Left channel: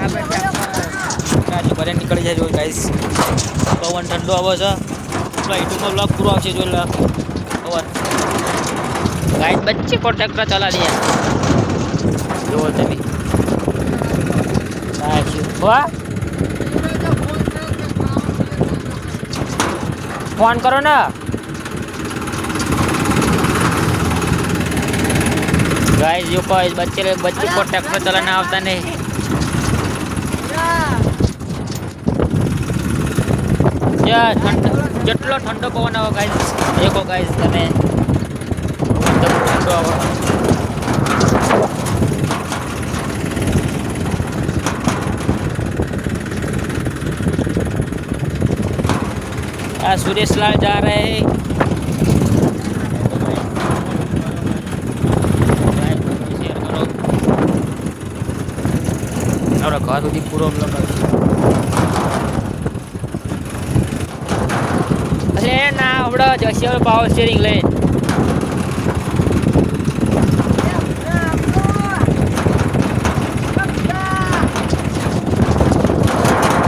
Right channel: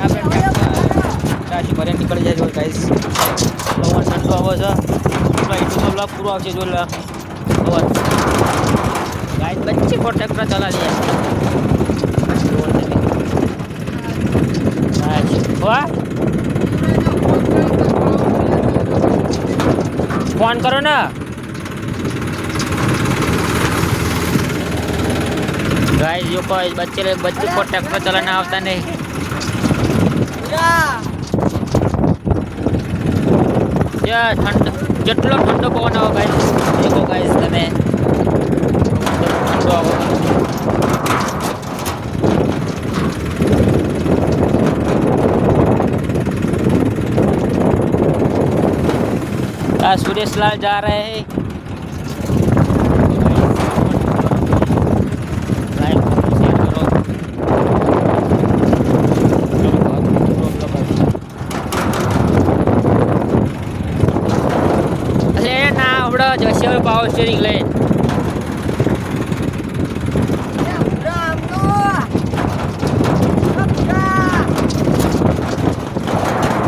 આપણે ટ્રેક્ટર ભરે નીકળી જાય જો ગાઈસ પવન ઠંડો આવે છે યુટ્યુબમાં બ્લોગ પૂરો આવશે જો પવન ગાઈસ બચ્ચે को ट्रैक्टर चला लिया જો તમે વાહ फोन करो ना गाइस जो को बच्चे को ट्रैक्टर चलाना आता नहीं या જેટલો ઠંડો પવન આવે ગાઈસ દેખો ગાઈસ તમે ઠંડો આવે सुरेश लाल जा रहे हैं ना अपना जैसे पावर स्टीयरिंग ले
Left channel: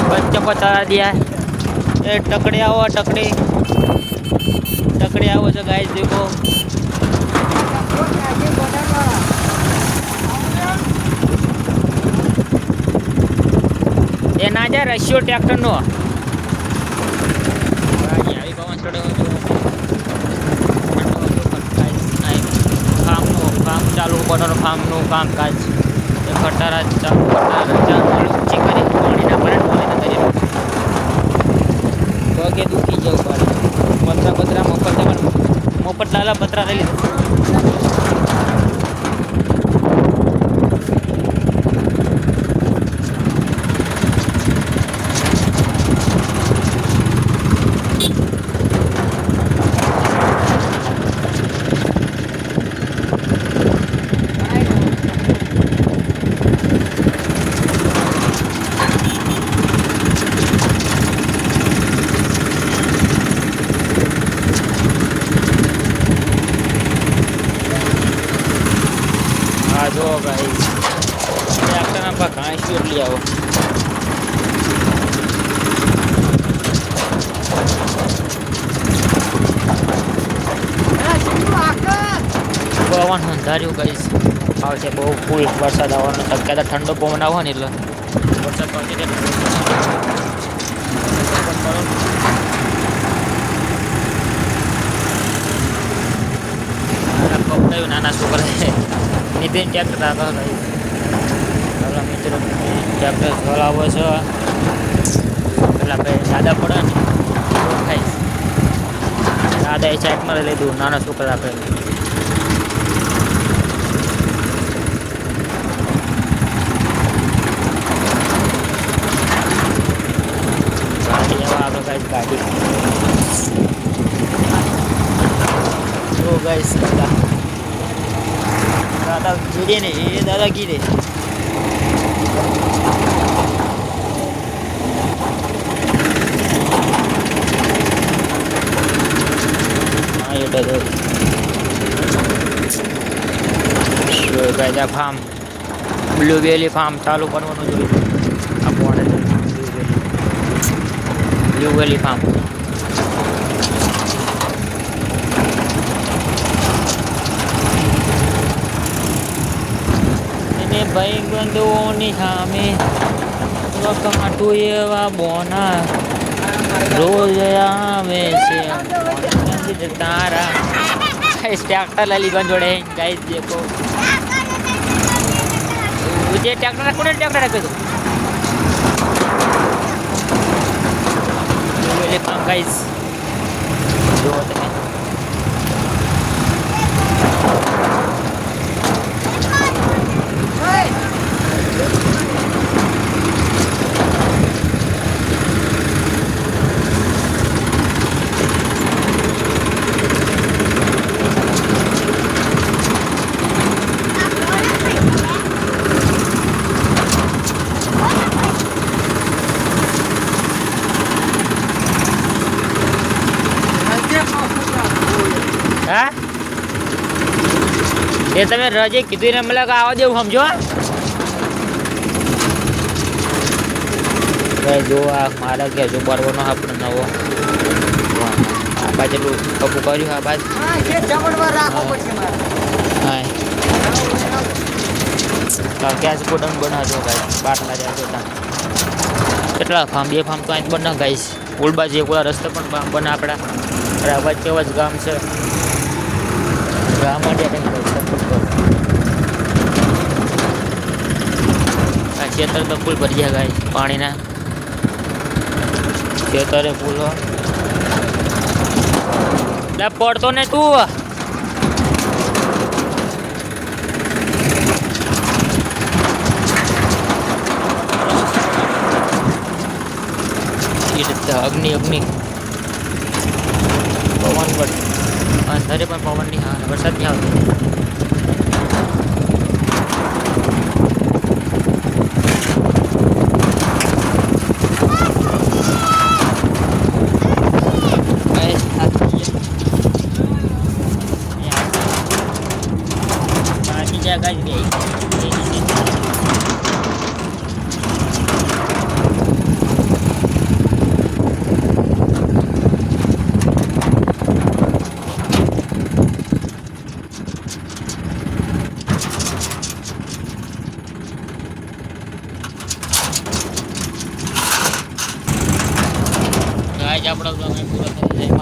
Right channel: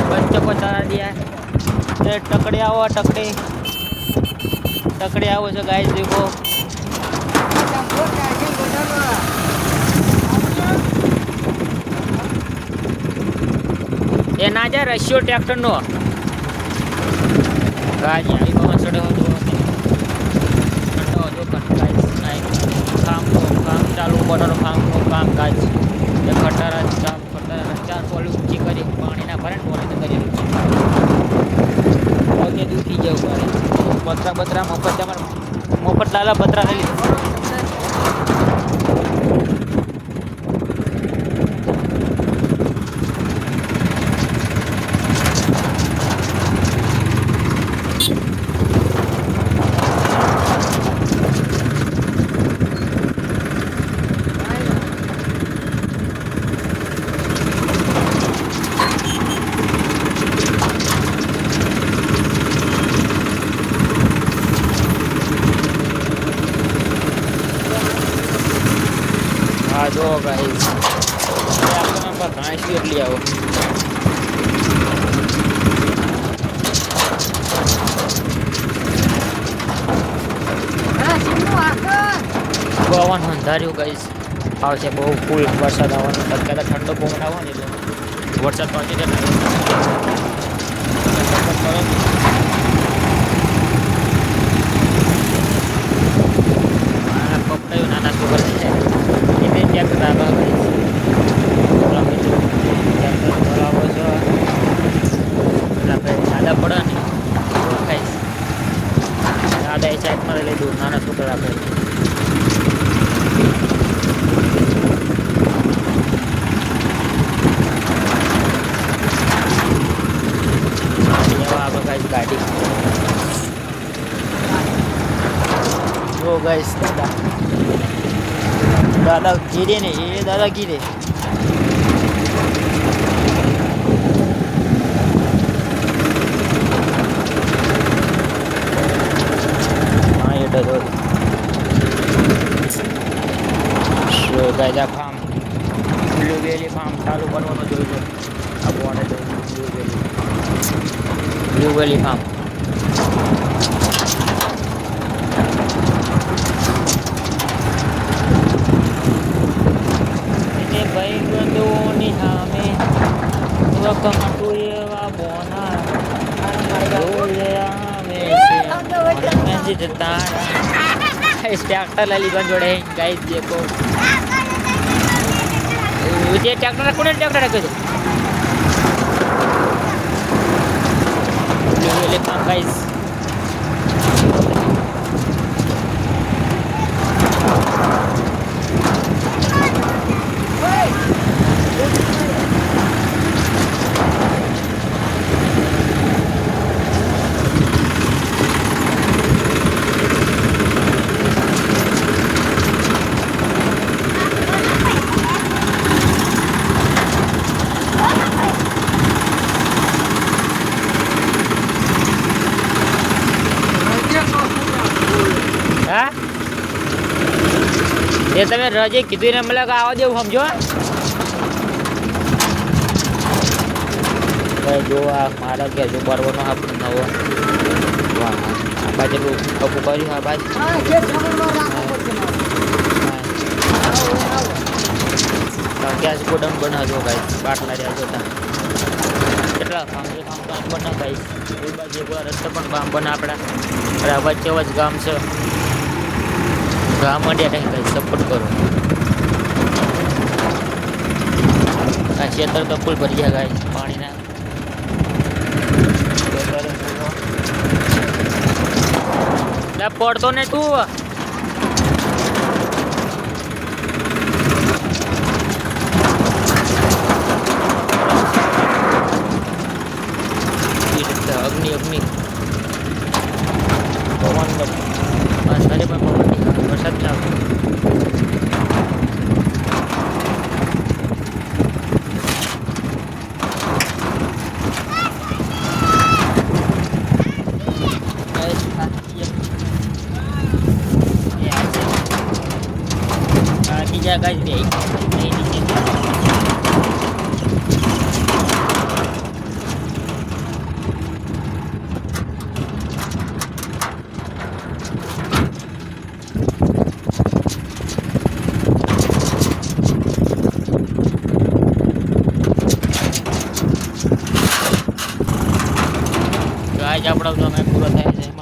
बच्चों को चला दिया टकड़े आओ तो गाइस देखो ये ना जा रशियो ट्रैक्टर नो गाइस आई बाबा छड़ो काम चालू बटन फार्म नो काम काज ये खटारा चालू चालू ऊंची करी पानी ना भरे पानी ना दरिया पगे दुखी जाओ मारे पत्रा मफत लाला पत्रा ले लीधो जो गाइस ट्रैक्टर में घास पीट लिया हो पवन अंधार्યું गाइस આવશે બહુ ફૂલ વરસાદ આવવાનો ટક્કા ઠંડો પવન આવવાનો એટલે વરસાદ પડે છે તમે સપોર્ટ કરો મારા કપડાયું નાના છોકરા છે इतने ट्रैक्टर आता है भाई चलो मित्रों ट्रैक्टर चलाવો છે એટલે આપણે સાદા પડે ને તો ખાઈ સાદા એ સાઈડમાં લઈ દઉં નાના છોકરા આપણે ગાડી એવા આપણે ગાઈસ ગાડી જો ગાઈસ दादा गिरे ने ये दादा गिरे हाँ ये डरो गायजा फार्म ब्लूबेरी फार्म चालू करवानो જોઈએ આ બોર્ડર ब्लूबेरी फार्म ભાઈ બંધુઓની સામે વખાટું એવા બોના રોજ આવે છે તારા ट्रैक्टर लाली बन जोड़े गाइस देखो ये ट्रैक्टर रखो ना ट्रैक्टर रखो ये काम गाइस હા એ તમે રજે કીધું ને મને આવા દેવું સમજો જો આ મારા ઘેર જો બરવાનો આપણે નવો વાહ આ બાજુ કપું કર્યું આ બાજુ હા જે જમણમાં રાખો હા પછી મારે. હા ગેસ ગોડાઉન બનાવજો ગાઈસ બાટલા રહ્યા જોતા કેટલા ફાર્મ બે ફાર્મ તો અહીં બને ગાઈસ ઉલબાજી એકલા રસ્તે પણ ફાર્મ બને આપણા અરે વચ્ચે વચ ગામ છે ગામ માંડ્યા ટાઈમ ગાઈસ સપોર્ટ કરો આ ખેતર તો ફૂલ ભરી ગયા ગાઈસ પાણીના ખેતરે ફૂલ લે પડતો ને તું અગ્નિ અગ્નિ પવન અંધારે પણ પવન નહીં આવે વરસાદ નહીં આવતો બીજા ગાડી આજ આપણો જો પૂરો થાય છે